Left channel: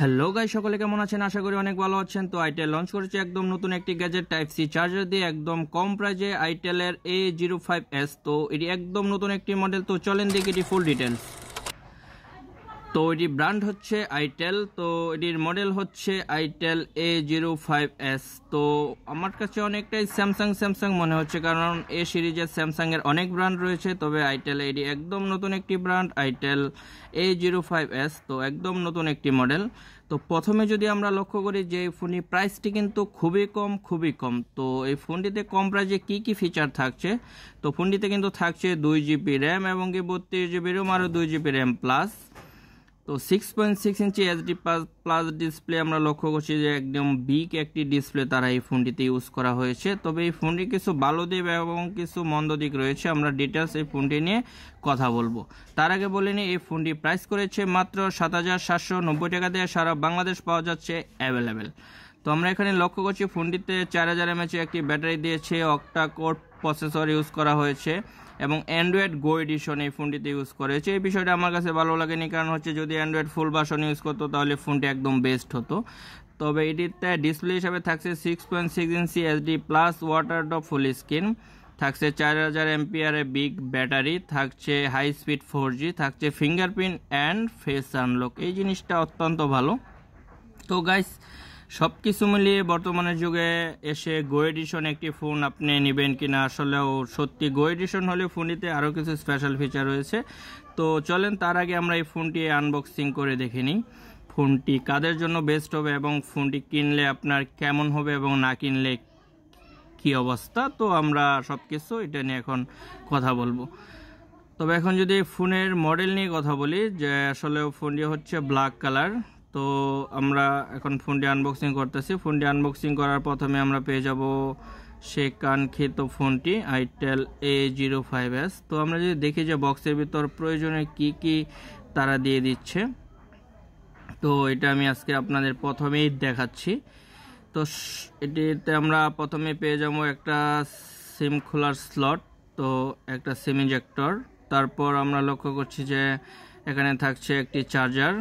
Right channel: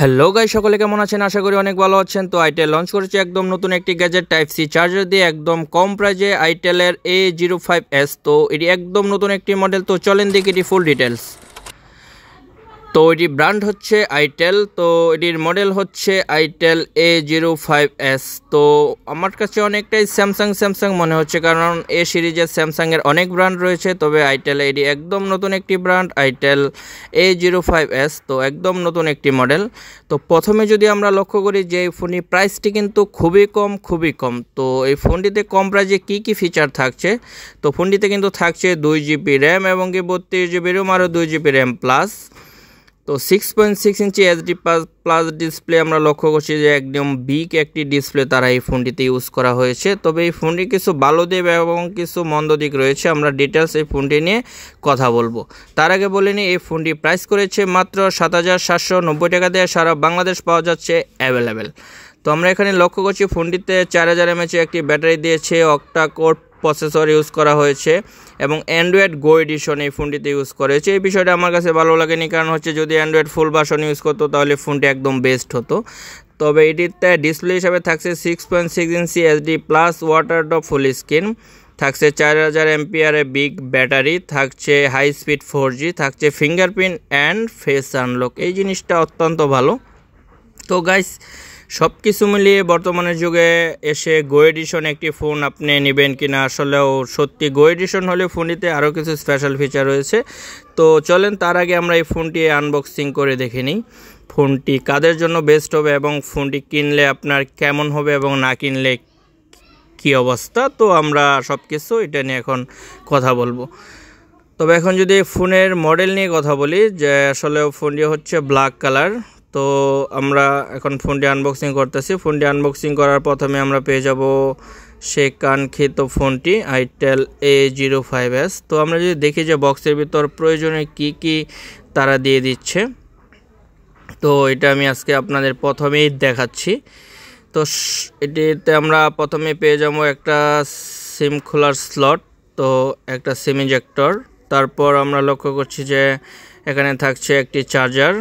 Hello guys, সকলে কেমন আছেন? আশা করি অনেক ভালো আছেন। তো আইটেল লঞ্চ করেছে একদম নতুন একটি গ্যাজেট টাইপ সি চার্জার দিয়ে একদম কম প্রাইজে, আইটেলের A05s। তো এটি একদম নতুন একটি মডেল। তো চলেন দেখি এটি ফুল ডিটেলস। তো এটি ব্র্যান্ড হচ্ছে আইটেল, তো এটির মডেল হচ্ছে আইটেল A05s। তো আমার কাছে অনেকটাই স্যামসাং মনে হচ্ছে, কারণ এ সিরিজের স্যামসাংয়ের অনেক ব্র্যান্ড রয়েছে, তবে আইটেল এটি একদম নতুন একটি ব্র্যান্ড, আইটেল A05s। তো একদম নতুন একটি মডেল। তো প্রথমে যদি আমরা লক্ষ্য করি যে এই ফোনটির প্রাইসটি কিন্তু খুবই কম। তো এই ফোনটিতে কম প্রাইসে কী ফিচার থাকছে? তো ফোনটিতে কিন্তু থাকছে 2GB র্যাম এবং কি 32GB রোম, আরও 2GB র্যাম প্লাস। তো 6.6 ইঞ্চি HD প্লাস ডিসপ্লে আমরা লক্ষ্য করছি যে একদম বিগ একটি ডিসপ্লে তারা এই ফোনটিতে ইউজ করা হয়েছে। তবে এই ফোনটি কিছু ভালো দিক এবং কিছু মন্দ দিক রয়েছে, আমরা ডিটেলস এই ফোনটি নিয়ে কথা বলবো। তার আগে বলে নিই, এই ফোনটি প্রাইস করেছে মাত্র 7,790 টাকা দিয়ে, সারা বাংলাদেশ পাওয়া যাচ্ছে অ্যাভেলেবেল। তো আমরা এখানে লক্ষ্য করছি ফোনটিতে 4000 mAh একটি ব্যাটারি দিয়েছে, অক্টা কোর প্রসেসর ইউজ করা হয়েছে এবং অ্যান্ড্রয়েড গো এডিশন এই ফোনটিতে ইউজ করা হয়েছে। এই বিষয়টা আমার কাছে ভালো লাগেনি, কারণ হচ্ছে যদি অ্যান্ড্রয়েড ফুল ভার্সন ইউজ করতো তাহলে ফোনটি একদম বেস্ট হতো। তবে এটিতে ডিসপ্লে হিসাবে থাকছে 6.6 ইঞ্চি HD plus water drop full screen, থাকছে 4000 mAh বিগ ব্যাটারি, থাকছে হাই স্পিড 4G, থাকছে ফিঙ্গারপ্রিন্ট অ্যান্ড ফেস আনলক। এই জিনিসটা অত্যন্ত ভালো। তো গাইস, সব কিছু মিলিয়ে বর্তমানের যুগে এসে গো এডিশন একটি ফোন আপনি নেবেন কিনা, আসলেও সত্যি গো এডিশন হলে ফোনটিতে আরও কিছু স্পেশাল ফিচার রয়েছে। তো চলেন তার আগে আমরা এই ফোনটি আনবক্সিং করে দেখে নিই, ফোনটি কাদের জন্য বেস্ট হবে এবং ফোনটি কিনলে আপনার কেমন হবে এবং না কিনলে কি অবস্থা। তো আমরা সব কিছু এটা নিয়ে এখন কথা বলবো। তবে এখন যদি ফোনের মডেল নিয়ে কথা বলি, যে আসলে ফোনটি হচ্ছে ব্ল্যাক কালার। তো আমরা এখন ফোনটি আনবক্সিং করতেছি। ফোনটি আনবক্সিং করার প্রথমে আমরা পেয়ে যাব সেই কাঙ্ক্ষিত ফোনটি আইটেল A05s। তো আমরা যদি দেখি যে বক্সের ভিতর প্রয়োজনীয় কি তারা দিয়ে দিচ্ছে, তো এটা আমি আজকে আপনাদের প্রথমেই দেখাচ্ছি। তো এটিতে আমরা প্রথমে পেয়ে যাবো একটা সিম খোলার স্লট, তো একটা সিম ইজেক্টর। তারপর আমরা লক্ষ্য করছি যে এখানে থাকছে একটি চার্জার,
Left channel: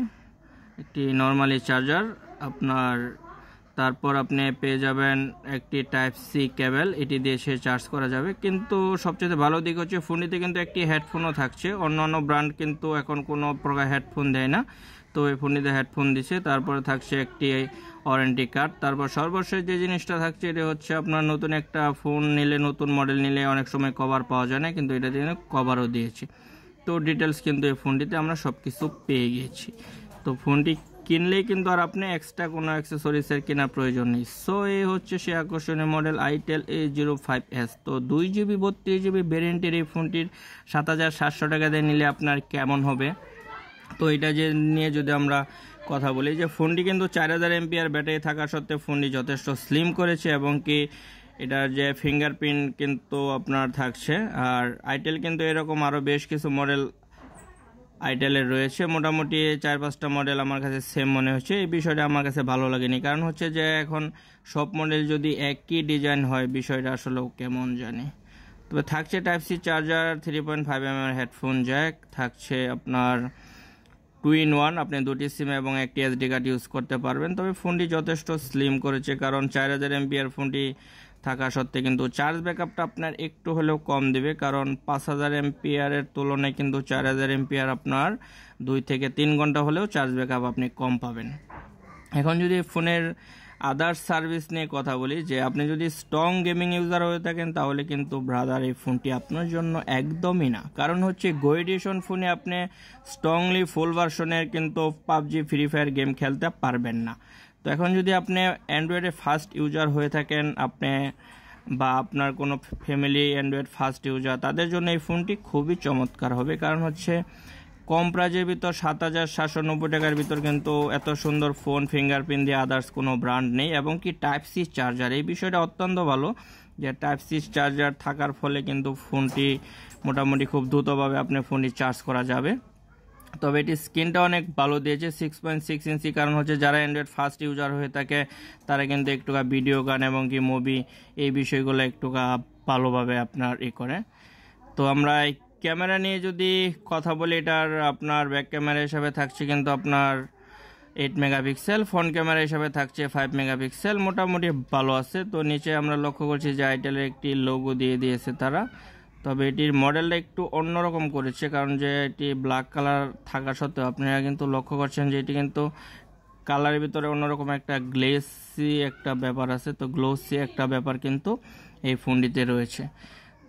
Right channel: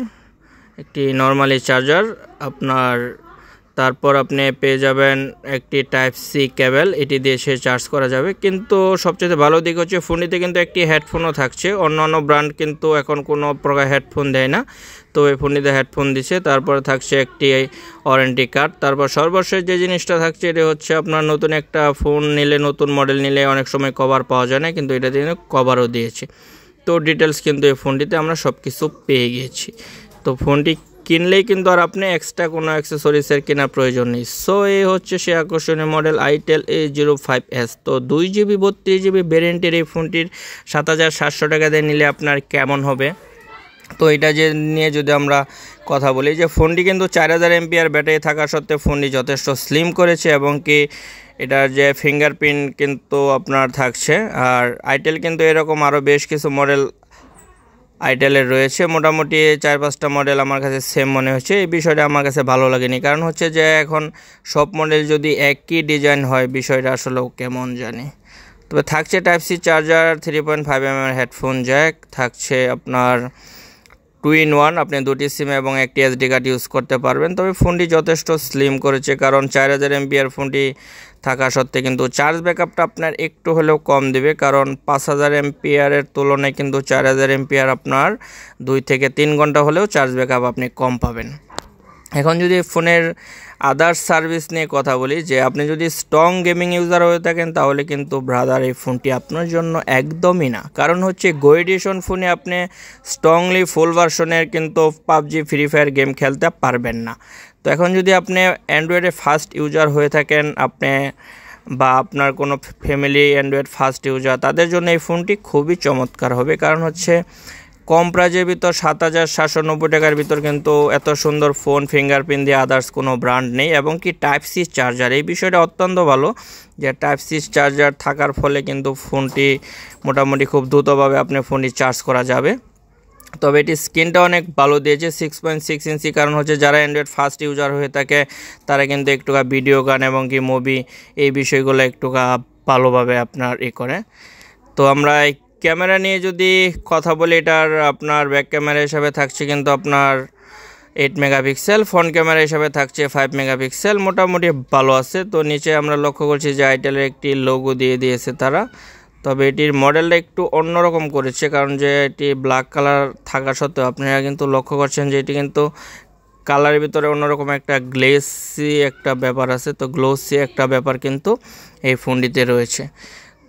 একটি নর্মালি চার্জার আপনার। তারপর আপনি পেয়ে যাবেন একটি টাইপ সি কেবল, এটি দিয়ে সে চার্জ করা যাবে। কিন্তু সবচেয়ে ভালো দিক হচ্ছে ফোনটিতে কিন্তু একটি হেডফোনও থাকছে। অন্যান্য ব্র্যান্ড কিন্তু এখন কোনো প্রকার হেডফোন দেয় না, তো এই ফোনটিতে হেডফোন দিচ্ছে। তারপর থাকছে একটি ওয়ারেন্টি কার্ড। তারপর সর্বশেষ যে জিনিসটা থাকছে এটি হচ্ছে আপনার নতুন একটা ফোন নিলে, নতুন মডেল নিলে অনেক সময় কভার পাওয়া যায় না, কিন্তু এটাতে কভারও দিয়েছে। তো ডিটেলস কিন্তু এই ফোনটিতে আমরা সব কিছু পেয়ে গিয়েছি। তো ফোনটি কিনলেই কিন্তু আর আপনি এক্সট্রা কোনো অ্যাক্সেসরিজের কেনার প্রয়োজন নেই। সো এই হচ্ছে সে আকর্ষণীয় মডেল আইটেল A05s। তো 2GB 32GB ভ্যারিয়েন্টের এই ফোনটির 7,700 টাকা দিয়ে নিলে আপনার কেমন হবে? তো এটা যে নিয়ে যদি আমরা কথা বলি, যে ফোনটি কিন্তু 4000 mAh ব্যাটারি থাকা সত্ত্বেও ফোনটি যথেষ্ট স্লিম করেছে এবং কি এটার যে ফিঙ্গারপ্রিন্ট কিন্তু আপনার থাকছে। আর আইটেল কিন্তু এরকম আরও বেশ কিছু মডেল আইটেলের রয়েছে, মোটামুটি 4-5টা মডেল আমার কাছে সেম মনে হচ্ছে। এই বিষয়টা আমার কাছে ভালো লাগেনি, কারণ হচ্ছে যে এখন সব মডেল যদি একই ডিজাইন হয় বিষয়টা আসলেও কেমন জানি। তবে থাকছে type C charger, 3.5mm headphone jack, থাকছে আপনার 2-in-1, আপনি দুটি সিম এবং একটি SD কার্ড ইউজ করতে পারবেন। তবে ফোনটি যথেষ্ট স্লিম করেছে, কারণ 4000 mAh ফোনটি থাকা সত্ত্বে কিন্তু চার্জ ব্যাকআপটা আপনার একটু হলেও কম দেবে, কারণ 5000 mAh তুলনায় কিন্তু 4000 mAh আপনার 2 থেকে 3 ঘন্টা হলেও চার্জ ব্যাকআপ আপনি কম পাবেন। এখন যদি ফোনের আদার্স সার্ভিস নিয়ে কথা বলি, যে আপনি যদি স্ট্রং গেমিং ইউজার হয়ে থাকেন তাহলে কিন্তু ব্রাদার এই ফোনটি আপনার জন্য একদমই না, কারণ হচ্ছে গো এডিশন ফোনে আপনি স্ট্রংলি ফুল ভার্সনের কিন্তু পাবজি ফ্রি ফায়ার গেম খেলতে পারবেন না। তো এখন যদি আপনি অ্যান্ড্রয়েডে ফার্স্ট ইউজার হয়ে থাকেন, আপনি বা আপনার কোনো ফ্যামিলি অ্যান্ড্রয়েড ফার্স্ট ইউজার, তাদের জন্য এই ফোনটি খুবই চমৎকার হবে। কারণ হচ্ছে কম প্রাইজের ভিতর 7,790 টাকার ভিতর কিন্তু এত সুন্দর ফোন ফিঙ্গারপ্রিন্ট দিয়ে আদার্স কোনো ব্র্যান্ড নেই, এবং কি টাইপ সি চার্জার, এই বিষয়টা অত্যন্ত ভালো যে টাইপ সি চার্জার থাকার ফলে কিন্তু ফোনটি মোটামুটি খুব দ্রুতভাবে আপনি ফোনটি চার্জ করা যাবে। তবে এটি স্ক্রিনটা অনেক ভালো দিয়েছে, 6.6 ইঞ্চি, কারণ হচ্ছে যারা অ্যান্ড্রয়েড ফার্স্ট ইউজার হয়ে থাকে তারা কিন্তু একটুকা ভিডিও গান এবং কি মুভি এই বিষয়গুলো একটুকা ভালোভাবে আপনার করে। তো আমরা ক্যামেরা নিয়ে যদি কথা বলি, এটার আপনার ব্যাক ক্যামেরা হিসাবে থাকছে কিন্তু আপনার 8 মেগাপিক্সেল, ফ্রন্ট ক্যামেরা হিসাবে থাকছে 5 মেগাপিক্সেল, মোটামুটি ভালো আছে। তো নিচে আমরা লক্ষ্য করছি যে আইটেলের একটি লোগো দিয়ে দিয়েছে তারা, তবে এটির মডেলটা একটু অন্যরকম করেছে, কারণ যে এটি ব্ল্যাক কালার থাকা সত্ত্বেও আপনারা কিন্তু লক্ষ্য করছেন যে এটি কিন্তু কালারের ভিতরে অন্যরকম একটা গ্লেসি একটা ব্যাপার আছে। তো গ্লোসি একটা ব্যাপার কিন্তু এই ফোনটিতে রয়েছে।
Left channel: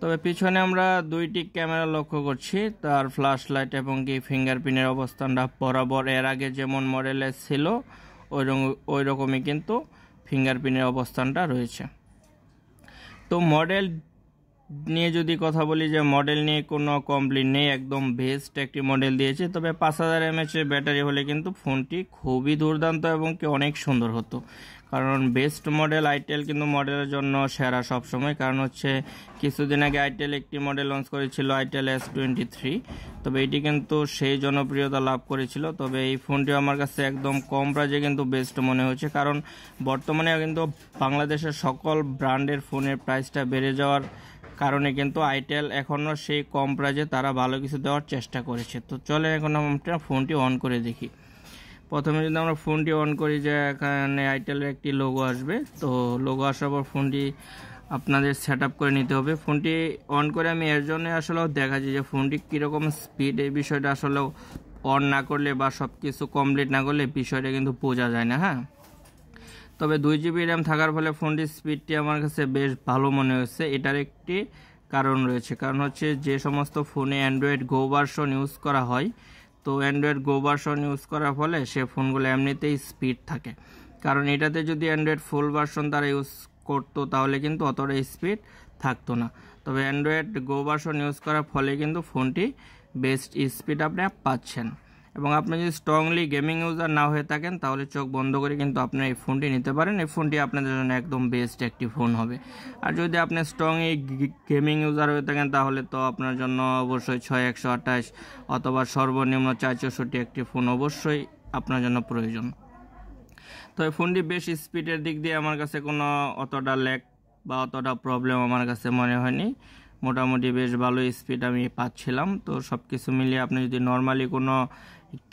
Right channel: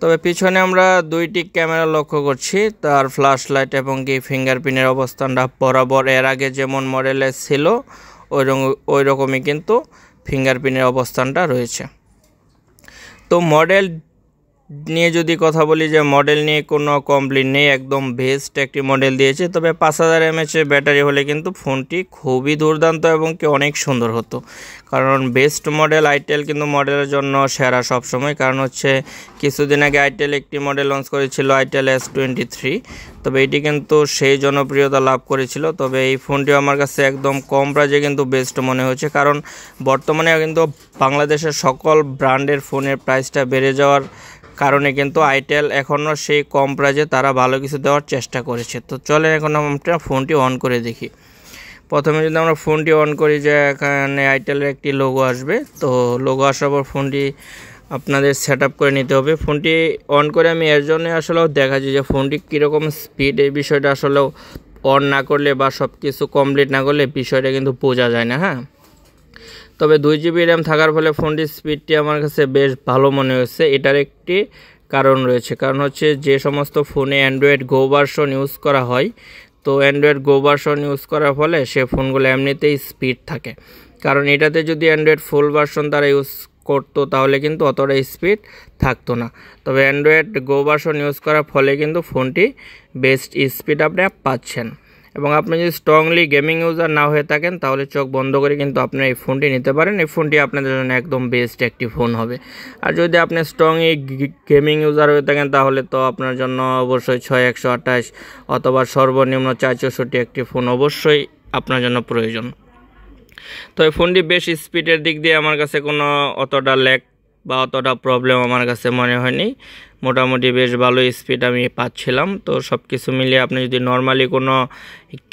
তবে পিছনে আমরা দুইটি ক্যামেরা লক্ষ্য করছি, তার ফ্ল্যাশ লাইট এবং কি ফিঙ্গারপ্রিন্টের অবস্থানটা বরাবর এর আগে যেমন মডেলে ছিল ওই রকমই কিন্তু ফিঙ্গারপ্রিন্টের অবস্থানটা রয়েছে। তো মডেল নিয়ে যদি কথা বলি, যে মডেল নিয়ে কোনো কমপ্লেন নেই, একদম বেস্ট একটি মডেল দিয়েছে। তবে 5000 mAh ব্যাটারি হলে কিন্তু ফোনটি খুবই দুর্দান্ত এবং কি অনেক সুন্দর হতো, কারণ বেস্ট মডেল আইটেল কিন্তু মডেলের জন্য সেরা সবসময়। কারণ হচ্ছে কিছুদিন আগে আইটেল একটি মডেল লঞ্চ করেছিল, আইটেল S23, তবে এটি কিন্তু সেই জনপ্রিয়তা লাভ করেছিল। তবে এই ফোনটিও আমার কাছে একদম কম প্রাইজে কিন্তু বেস্ট মনে হয়েছে, কারণ বর্তমানে কিন্তু বাংলাদেশের সকল ব্র্যান্ডের ফোনের প্রাইসটা বেড়ে যাওয়ার কারণে কিন্তু আইটেল এখনও সেই কম প্রাইজে তারা ভালো কিছু দেওয়ার চেষ্টা করেছে। তো চলেন এখন আমরা ফোনটি অন করে দেখি। প্রথমে যদি আমরা ফোনটি অন করি, যে এখানে আইটেলের একটি লোগো আসবে। তো লোগো আসার পর ফোনটি আপনাদের সেট আপ করে নিতে হবে। ফোনটি অন করে আমি এর জন্য আসলেও দেখাচ্ছি যে ফোনটি কীরকম স্পিড, এই বিষয়টা আসলেও অন না করলে বা সব কিছু কমপ্লিট না করলে বিষয়টা কিন্তু বোঝা যায় না। হ্যাঁ, তবে 2GB র্যাম থাকার ফলে ফোনটির স্পিডটি আমার কাছে বেশ ভালো মনে হচ্ছে। এটার একটি কারণ রয়েছে, কারণ হচ্ছে যে সমস্ত ফোনে অ্যান্ড্রয়েড গো ভার্সন ইউজ করা হয়, তো অ্যান্ড্রয়েড গো ভার্সন ইউজ করার ফলে সে ফোনগুলো এমনিতেই স্পিড থাকে। কারণ এটাতে যদি অ্যান্ড্রয়েড ফুল ভার্সন তারা ইউজ করতো তাহলে কিন্তু অতটা স্পিড থাকতো না। তবে অ্যান্ড্রয়েড গো ভার্সন ইউজ করার ফলে কিন্তু ফোনটি বেস্ট স্পিড আপনি পাচ্ছেন। এবং আপনি যদি স্ট্রংলি গেমিং ইউজার না হয়ে থাকেন তাহলে চোখ বন্ধ করে কিন্তু আপনি এই ফোনটি নিতে পারেন। এই ফোনটি আপনাদের জন্য একদম বেস্ট একটি ফোন হবে। আর যদি আপনি স্ট্রংলি গেমিং ইউজার হয়ে থাকেন তাহলে তো আপনার জন্য অবশ্যই 6128 অথবা সর্বনিম্ন 464 একটি ফোন অবশ্যই আপনার জন্য প্রয়োজন। তো এই ফোনটি বেশ স্পিডের দিক দিয়ে আমার কাছে কোনো অতটা ল্যাগ বা অতটা প্রবলেম আমার কাছে মনে হয়নি। মোটামুটি বেশ ভালো স্পিড আমি পাচ্ছিলাম। তো সব কিছু মিলিয়ে আপনি যদি নর্মালি কোনো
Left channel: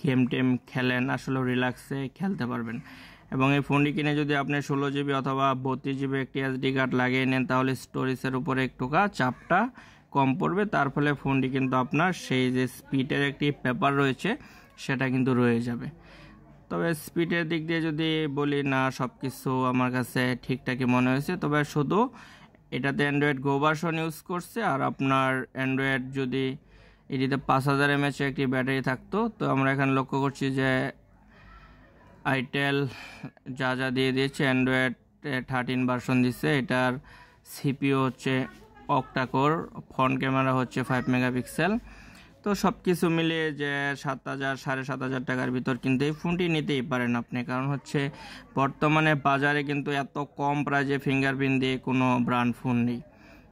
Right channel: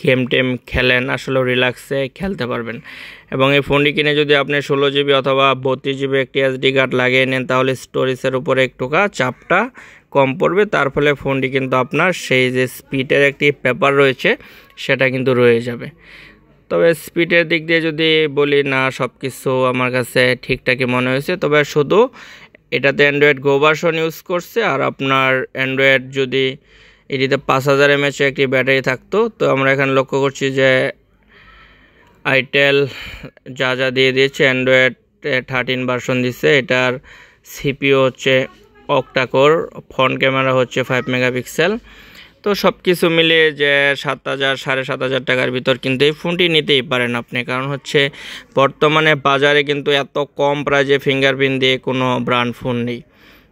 গেম টেম খেলেন আসলে রিল্যাক্সে খেলতে পারবেন। এবং এই ফোনটি কিনে যদি আপনি 16GB অথবা 32GB একটি SD কার্ড লাগিয়ে নেন তাহলে স্টোরেজের উপরে একটুকা চাপটা কম পড়বে, তার ফলে ফোনটি কিন্তু আপনার সেই যে স্পিডের একটি ব্যাপার রয়েছে সেটা কিন্তু রয়ে যাবে। তবে স্পিডের দিক দিয়ে যদি বলি, না সব কিছু আমার কাছে ঠিকঠাকই মনে হয়েছে। তবে শুধু এটাতে অ্যান্ড্রয়েড গো ভার্সন ইউজ করছে, আর আপনার অ্যান্ড্রয়েড যদি এটিতে 5000 mAh একটি ব্যাটারি থাকতো। তো আমরা এখানে লক্ষ্য করছি যে আইটেল যা যা দিয়ে দিয়েছে, অ্যান্ড্রয়েড 13 ভার্সন দিচ্ছে। এটার সিপিইউ হচ্ছে অক্টাকোর, ফ্রন্ট ক্যামেরা হচ্ছে 5 মেগাপিক্সেল। তো সব কিছু মিলিয়ে যে 7000 7500 টাকার ভিতর কিন্তু এই ফোনটি নিতেই পারেন আপনি। কারণ হচ্ছে বর্তমানে বাজারে কিন্তু এত কম প্রাইজে ফিঙ্গারপ্রিন্ট দিয়ে কোনো ব্র্যান্ড ফোন নেই।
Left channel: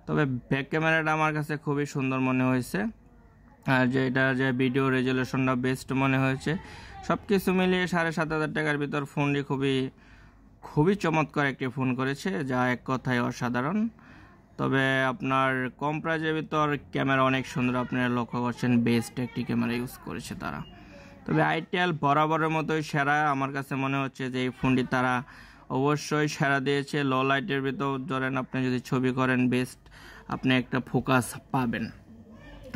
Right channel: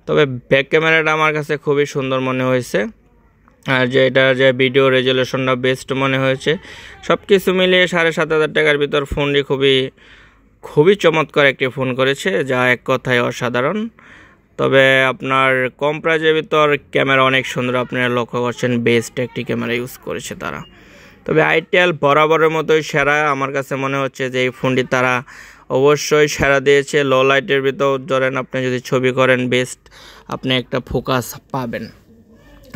তবে ব্যাক ক্যামেরাটা আমার কাছে খুবই সুন্দর মনে হয়েছে, আর যে এটার যে ভিডিও রেজুলেশনটা বেস্ট মনে হয়েছে। সব কিছু মিলিয়ে 7500 টাকার ভিতর ফোনটি খুবই চমৎকার একটি ফোন করেছে, যা এক কথায় অসাধারণ। তবে আপনার কম প্রাইজের ভিতর ক্যামেরা অনেক সুন্দর, আপনারা লক্ষ্য করছেন বেস্ট একটি ক্যামেরা ইউজ করেছে তারা। তবে আইটেল বরাবরের মতোই সেরা আমার কাছে মনে হচ্ছে যে এই ফোনটি তারা অবশ্যই সেরা দিয়েছে। লো লাইটের ভিতর ধরেন আপনি যদি ছবি করেন বেস্ট আপনি একটা ফোকাস পাবেন।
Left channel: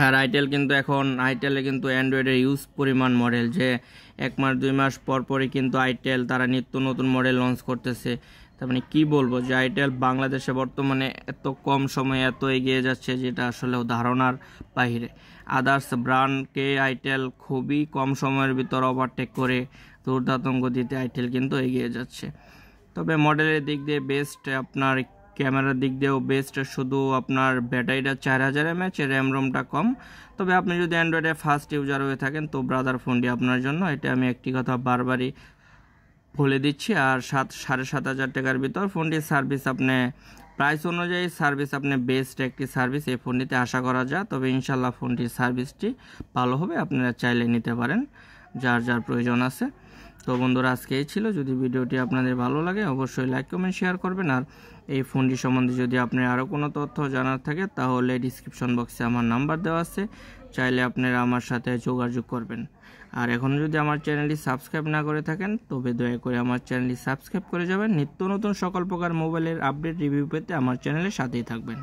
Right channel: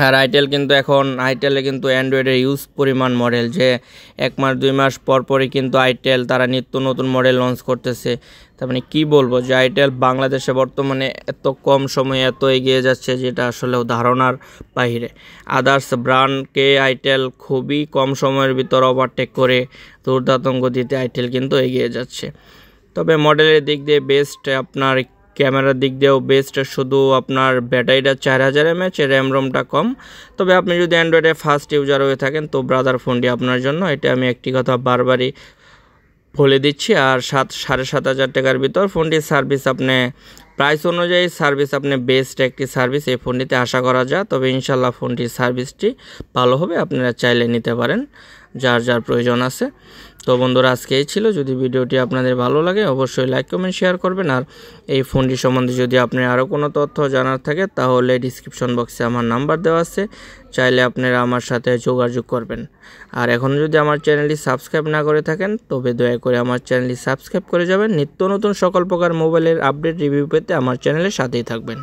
আর আইটেলে কিন্তু অ্যান্ড্রয়েডের ইউজ পরিমাণ মডেল, যে 1 মাস 2 মাস পরই কিন্তু আইটেল তারা নিত্য নতুন মডেল লঞ্চ করতেছে। তার মানে কী বলবো, যে আইটেল বাংলাদেশে বর্তমানে এত কম সময়ে এত এগিয়ে যাচ্ছে যেটা আসলেও ধারণার বাইরে। আদার্স ব্র্যান্ডকে আইটেল খুবই কম সময়ের ভিতর ওভারটেক করে দুর্দান্ত গতিতে আইটেল কিন্তু এগিয়ে যাচ্ছে। তবে মডেলের দিক দিয়ে বেস্ট, আপনার ক্যামেরার দিক দিয়েও বেস্ট, শুধু আপনার ব্যাটারিটা 4000 mAh, র্যাম রোমটা কম। তবে আপনি যদি অ্যান্ড্রয়েডে ফার্স্ট ইউজার হয়ে থাকেন তো ব্রাদার ফোনটি আপনার জন্য, এটা আমি একটি কথা বারবারই বলে দিচ্ছি। আর 7500 টাকার ভিতর ফোনটির সার্ভিস আপনি প্রাইস অনুযায়ী সার্ভিস আপনি বেস্ট একটি সার্ভিস এই ফোনটিতে আশা করা যায়। তবে ইনশাআল্লাহ ফোনটির সার্ভিসটি ভালো হবে, আপনারা চাইলে নিতে পারেন যার প্রয়োজন আছে। তো বন্ধুরা আজকে এই ছিল। যদি ভিডিওটি আপনাদের ভালো লাগে অবশ্যই লাইক কমেন্ট শেয়ার করবেন। আর এই ফোনটি সম্বন্ধে যদি আপনার আরও কোনো তথ্য জানার থাকে তাহলে ডিসক্রিপশন বক্সে আমার নাম্বার দেওয়া আছে, চাইলে আপনারা আমার সাথে যোগাযোগ করবেন। আর এখন যদি আমার চ্যানেলটি সাবস্ক্রাইব না করে থাকেন তবে দয়া করে আমার চ্যানেলটি সাবস্ক্রাইব করে যাবেন। নিত্য নতুন সকল প্রকার মোবাইলের আপডেট রিভিউ পেতে আমার চ্যানেলের সাথেই থাকবেন।